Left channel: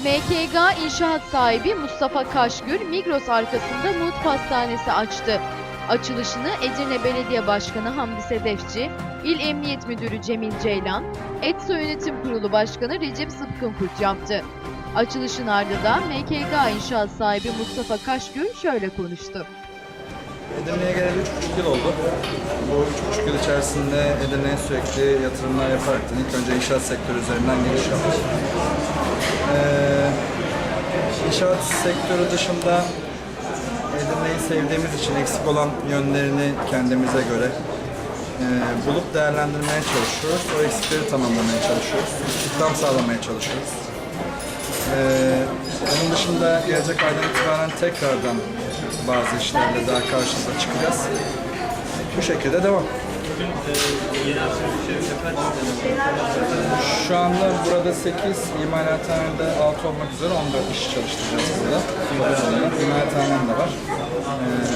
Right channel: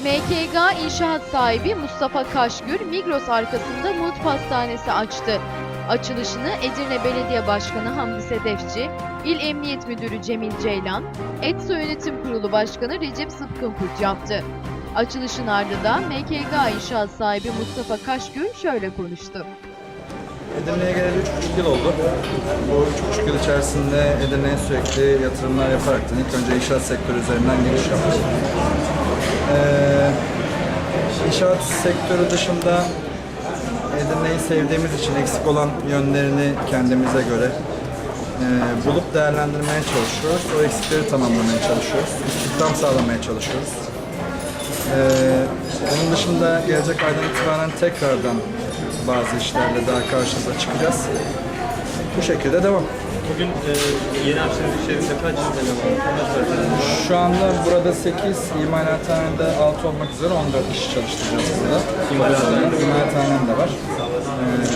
MKG inşaat sahibi Mustafa Kaşgür, Migros arkasında Mut Pastanesi açtı. Açılışını Edirne Belediye Başkanı Hamdi Sedefçi, İl Emniyet Müdürü Cemil Ceylan, ETSO Yönetim Kurulu Başkanı Recep Sıtkınkurt yaptı. Açılışın ardından MKG inşaat sahibi Mustafa Kaşgür şöyle konuştu. Edirne'ye geleli 3,5 yıl oldu. Bu 3,5 yıl içerisinde Edirne'ye sürekli yatırımlar yaparaktan ilk önce inşaat sektörü üzerinden giriş yaptık. İnşaat sektörü dışında Edirne'yi sevdiğimiz için eksik olan yönlerini kendimize göre e, bulup değerlendirmeye çalışıyoruz. O eksikleri tamamlamaya çalışıyoruz. İstihdam sağlamaya çalışıyoruz. Ee, onun dışında gelecek aydan itibaren tekrardan bazı işlerle daha karşınıza çıkacağız. Bu şekilde devam. Bugün e, yeni iş yerinde kaç işlem var? Şu anda burada 8, imalathanede 6 olmak üzere 14 kişi çalıştıracağız burada. İmalathanem de var.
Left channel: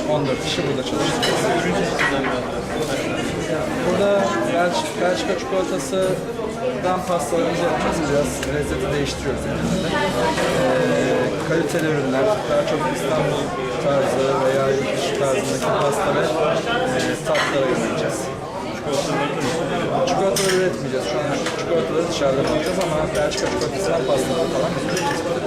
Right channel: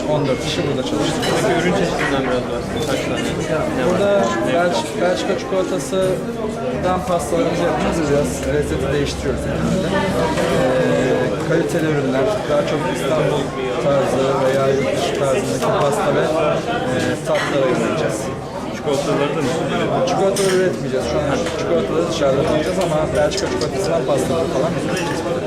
Ee, 14 kişi burada çalıştıracağız. Ürün çeşidinden biraz bahsedin. Kaç tane? Burada Belçika, Belçika çikolatasından pastalarımızı yapacağız. Biraz lezzeti değiştiriyoruz genelde. Ee, kaliteli ürünler, daha çok İstanbul tarzı veya yurt dışı tarzındaki pasta ve e, tatlara yöneleceğiz. Çikolataları üretmeyeceğiz. Şu an çikolataları dışarıda yapacağız ama Belçika çikolatasından pastaları falan üreteceğiz.